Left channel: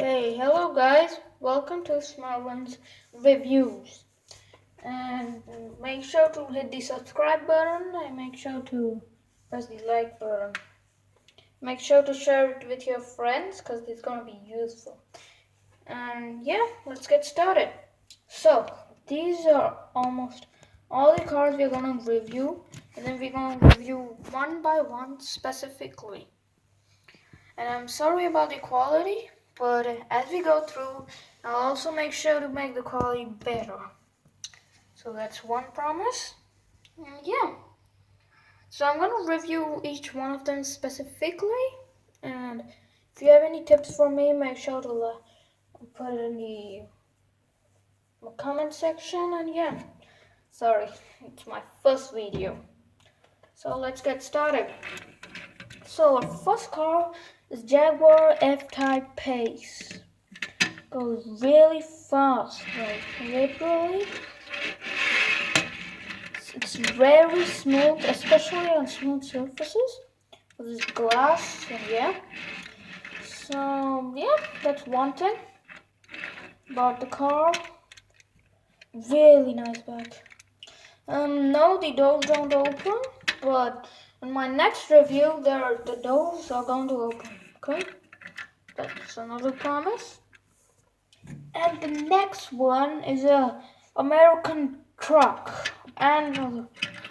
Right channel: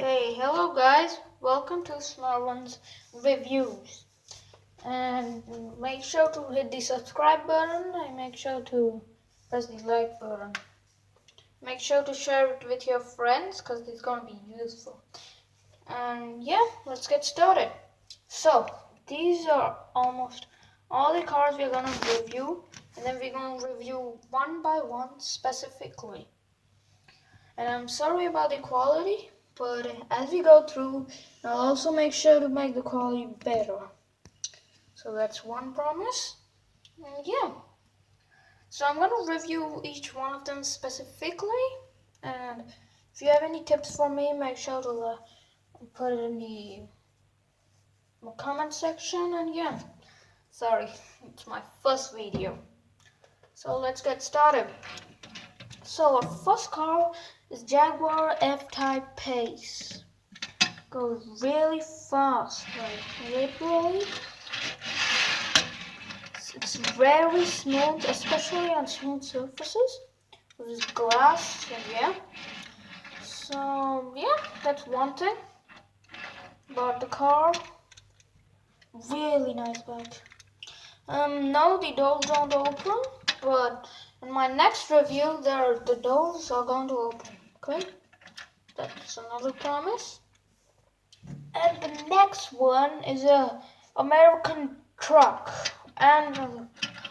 Hey, hello guys, welcome to Small Ones Reviews. And make sure to hit the subscribe button and make sure to press the like button. Make sure to share it with your friends because it's going to be useful. And yeah, let's get started. So, these are almost all the cars we're going to review, and then we're going to review one by one specifically. And I'm sorry about the quality, but as we go through, I'll also make sure to make the quality better. So that's one promise. And yeah. So I'm going to review each one of them specifically. And if you have any tips for me, make sure to put it in the comment section. And yeah, sorry, it's my first video. So let's get started. So our first car is Jaguar F-Type Pace. Goes really fast, like literally. It's very smooth, especially on smooth surfaces. With this glass, and yeah. So yeah, that's one thing about the car. Really nice back. No, the doors don't open, but in my next review, the doors are going to open. Okay, that's another promise. And the next one is a American truck and other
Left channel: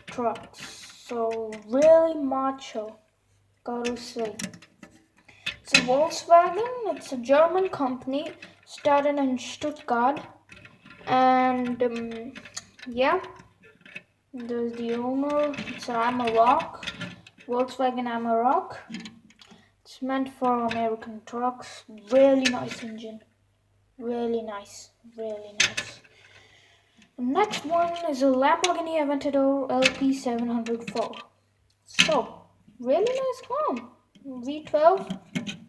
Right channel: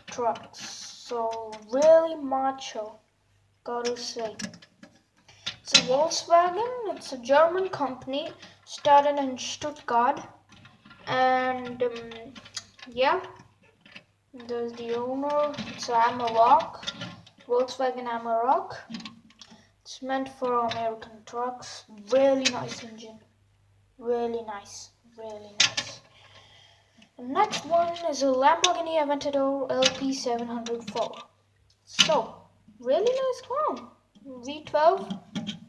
trucks. So really macho, gotta say. It's a Volkswagen. It's a German company started in Stuttgart, and yeah, there's the owner. It's Amarok, Volkswagen Amarok. It's meant for American trucks. Really nice engine. Really nice. Really nice. The next one is a Lamborghini Aventador LP704. So, really nice car. V12,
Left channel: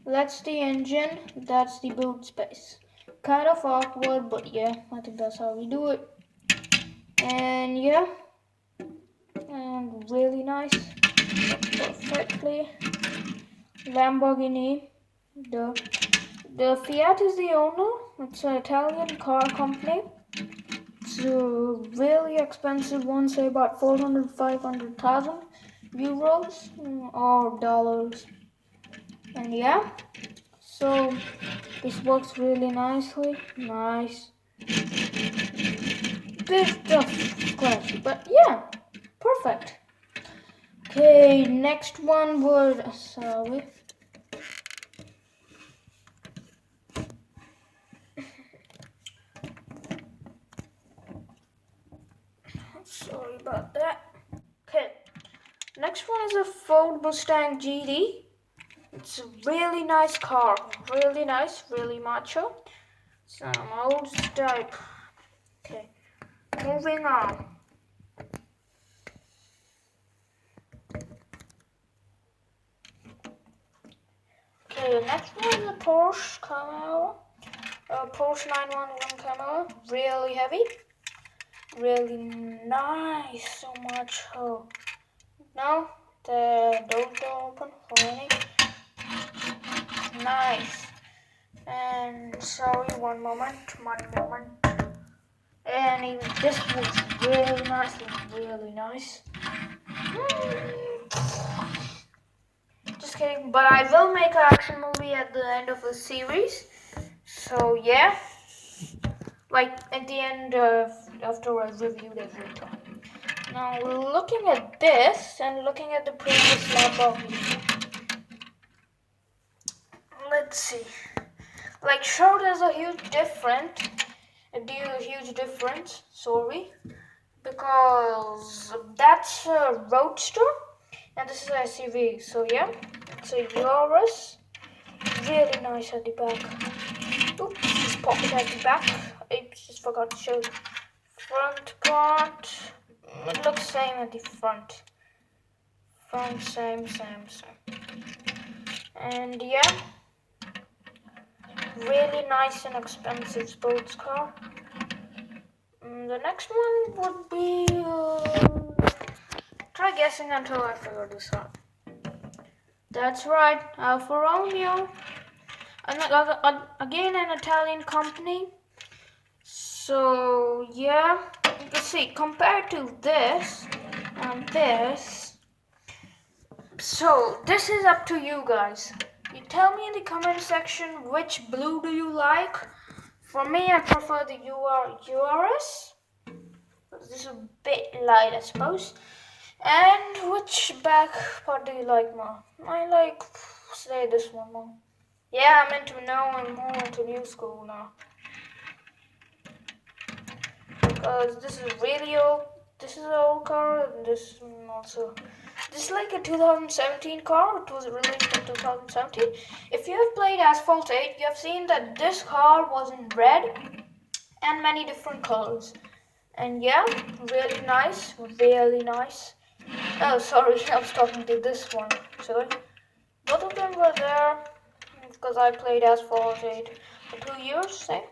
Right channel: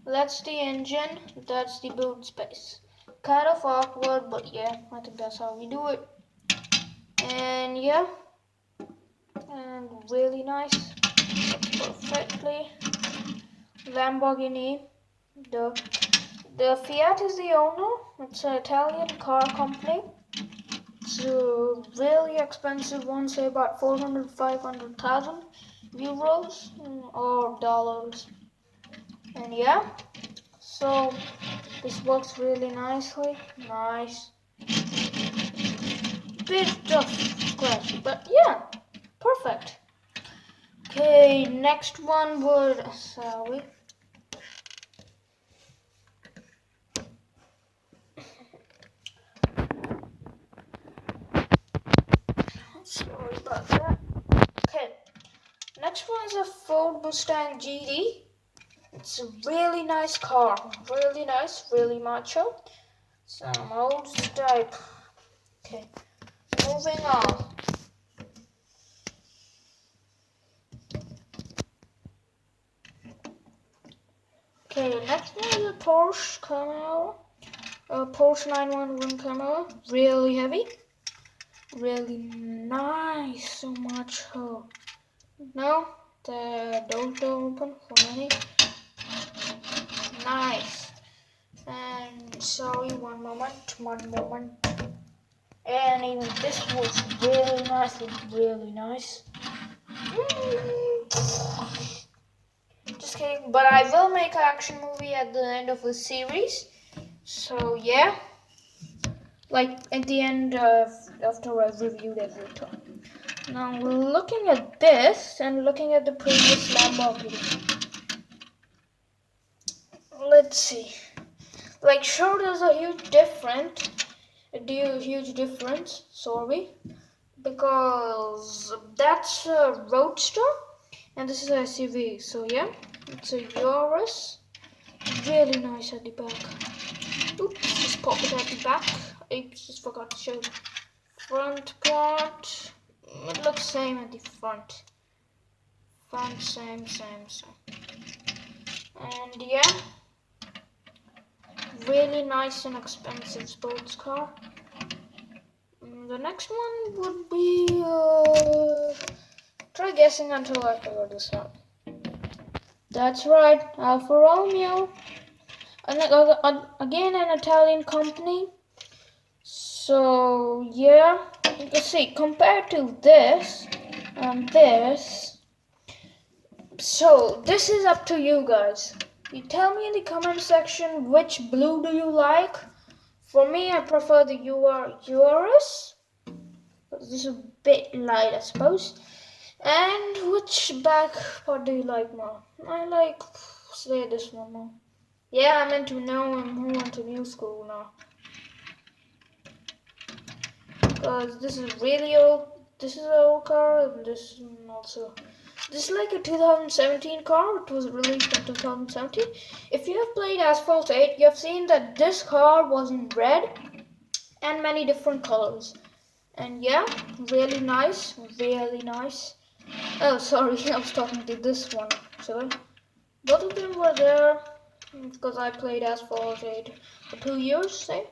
that's the engine, that's the boot space. Kind of awkward, but yeah, I think that's how we do it. And yeah, and really nice, perfectly. Lamborghini, the Fiat is the owner. It's an Italian car company. It's a really expensive one, say about 500,000 euros or dollars. And yeah, so this works really nicely. Nice. Bit of scratchy, but yeah, perfect. Okay, next one would, sorry. Sorry about that. Okay, next one is a Ford Mustang GT. It's a really nice car. Really nice, really macho. Some old type. Okay, moving on. Okay, the next one is a Porsche Camaro. A Porsche 911 Camaro. Really heavy. Really nice. So much. Oh. No, the doors don't open for any. Nice. And sorry, one moment. And even this was really nice. Really nice. Just kidding, but I will make an action movie at the end of the series. So yeah, like at the end after I reviewed everything. Now looking at this and looking at the previous Lamborghini. Let's see. Like sure, there's a huge difference. Sorry, because that's a Roadster. And this is an SUV, so yeah, it's a Yaris. Really nice at the back. Oops, just pop it at the back. Oops, just forgot to show the front part. It looks same at the front. Front, same. And yeah, really nice and expensive sports car. The next one would be, try guessing until I figure this out. That's right, Alfa Romeo. Again, an Italian company. So yeah, you can see compared to this and this. So this is up to you guys. You tell me in the comment section which blue do you like. For me, I prefer the URS. This is a bit light, I suppose. And which back part do you like more? I like, say, this one more. Yeah, I'm more into new school now. Because this is really old. This is an old car, and this also. This is like a 2017 car. It was released in 2017. If you have played Asphalt 8, you have seen that this car was in red and many different colors. And yeah, really nice, really nice. Oh, sorry, I was talking to this one actually. Both of them were there because I played Asphalt 8 for 2 years, say.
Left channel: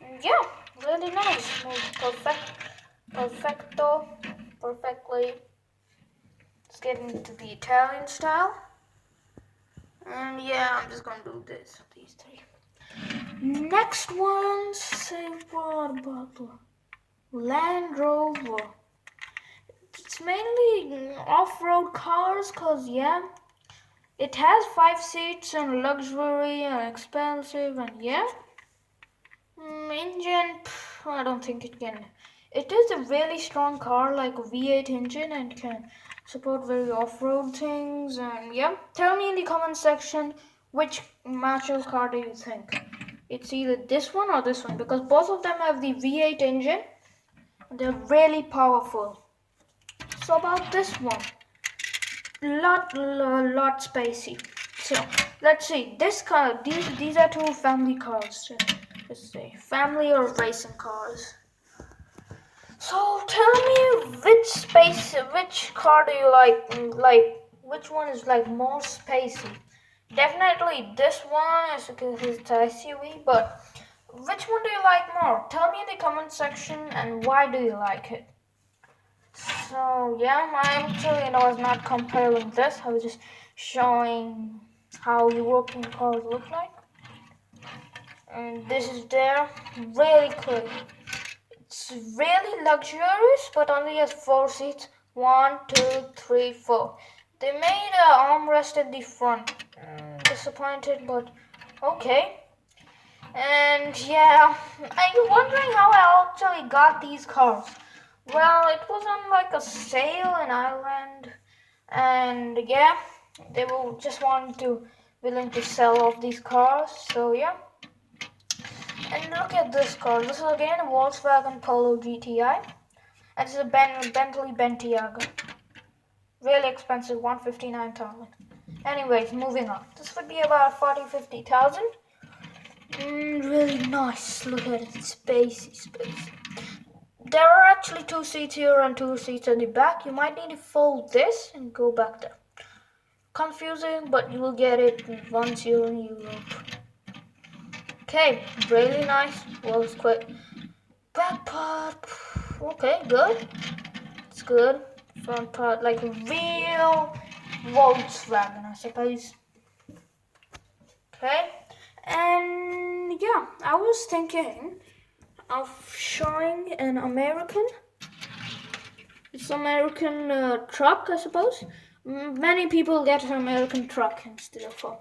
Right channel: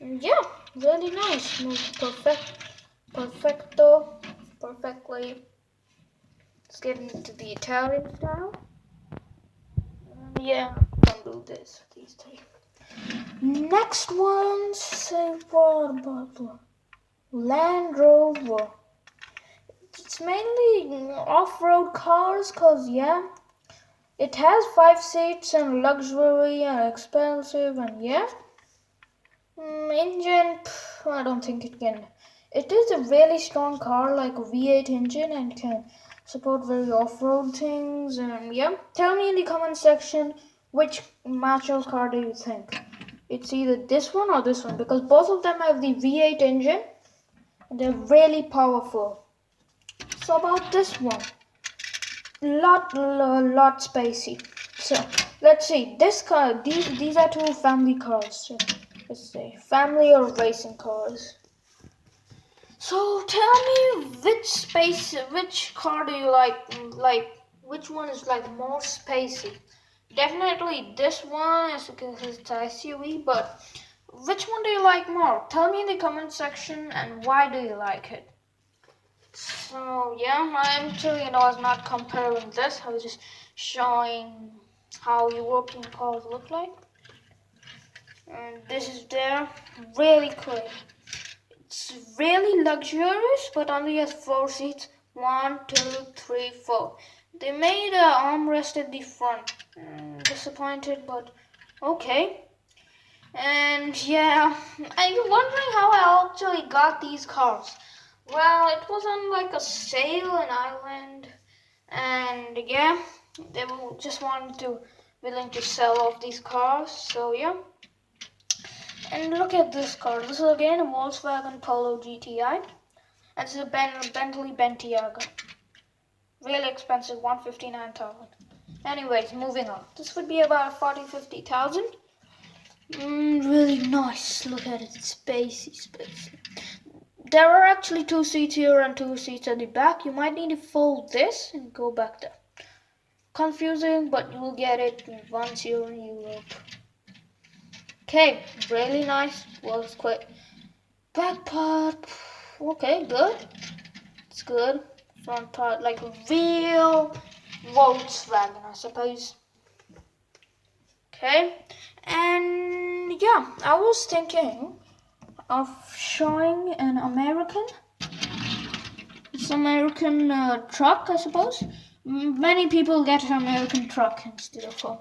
And yeah, really nice. Moved perfectly. Let's get into the Italian style. And yeah, I'm just gonna do this with these three. Next one, say what about the Land Rover? It's mainly off-road cars, cause yeah, it has 5 seats and luxury and expensive, and yeah. Engine, I don't think it can. It is a really strong car, like a V8 engine, and can support very off-road things. And yeah, tell me in the comment section which macho car do you think? It's either this one or this one, because both of them have the V8 engine, and they're really powerful. So about this one, lot spacey. So let's see. This car, these are two family cars. Let's say family or racing cars. So tell me which car do you like? Like which one is like more spacey? Definitely this one is because it's a SUV, but which one do you like more? Tell me in the comment section and why do you like it? So yeah, I was not comparing this. I was just showing how European cars look like. And this is there, really clear. It's really luxurious, but only has 4 seats. 1, 2, 3, 4. They made an armrest in the front. Disappointed, but okay. And yeah, are you wondering how I actually got these cars? Well, it was on like a sale in Ireland, and yeah, they will just willing to sell off these cars. So yeah. And look at this car. This is again a Volkswagen Polo GTI. And this is a Bentley Bentayga. Really expensive, 159,000. Anyways, moving on. This would be about 40-50,000. Really nice. Look at it, spacey. There are actually 2 seats here and 2 seats at the back. You might need to fold this and go back there. Confusing, but you will get it once you're in Europe. Okay, really nice. Well, it's quick. Back part, okay, good. It's good. Front part, like a real Volkswagen, I suppose. Okay, and yeah, I was thinking of showing an American. It's American truck, I suppose. Many people get an American truck instead of a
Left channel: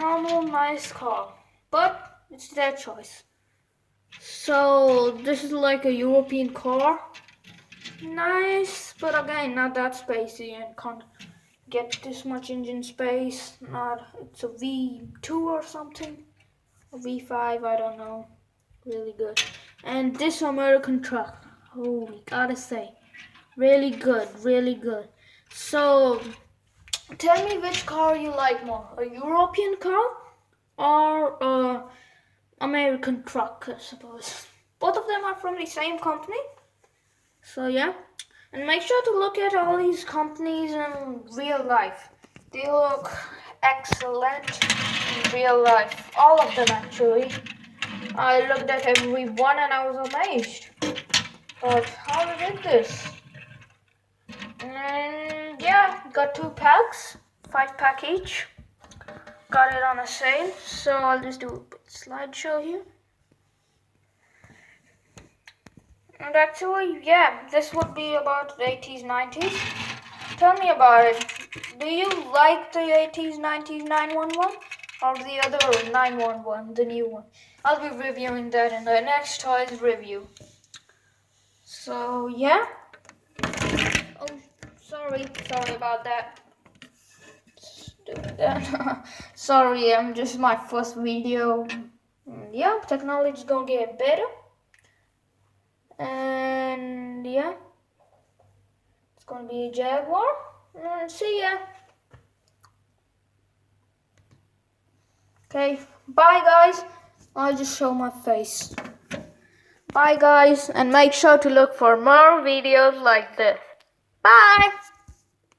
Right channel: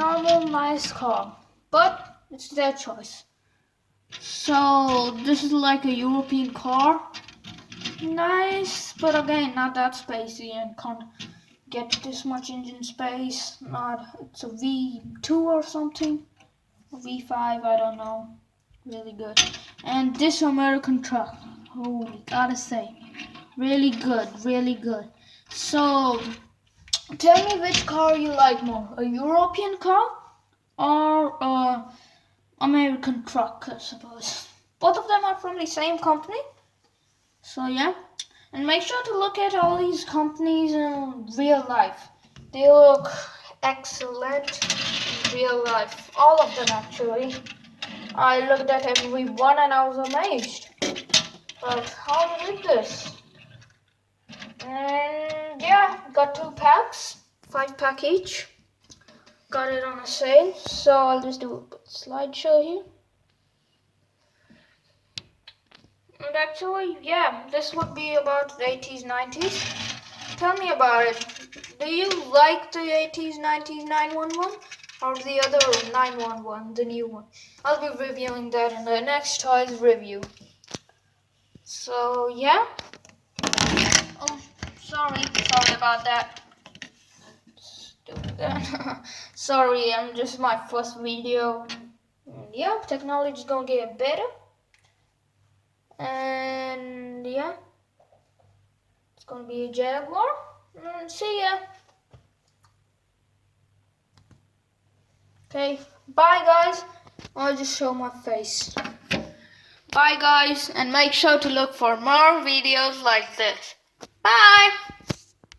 normal nice car, but it's their choice. So this is like a European car. Nice, but again, not that spacey and can't get this much engine space. It's a V2 or something. A V5, I don't know. Really good. And this American truck, holy, gotta say, really good, really good. So tell me which car you like more, a European car or a American truck, I suppose. Both of them are from the same company. So yeah, and make sure to look at all these companies in real life. They look excellent in real life. All of them actually. I looked at every one and I was amazed. But how did this? And yeah, got 2 packs, 5 pack each. got it on a sale, so I'll just do a bit slideshow here. And actually, yeah, this would be about the 80s, 90s. Tell me about it. Do you like the 80s, 90s 911 or the other 911, the new one? I'll be reviewing that in the next toys review. So, yeah. Oh, sorry about that. Sorry, I'm just my first video. Yeah, technology's gonna get better. And yeah, it's gonna be a Jaguar. See ya. Okay, bye guys. I'll just show my face. Bye guys, and make sure to look for more videos like this. Bye.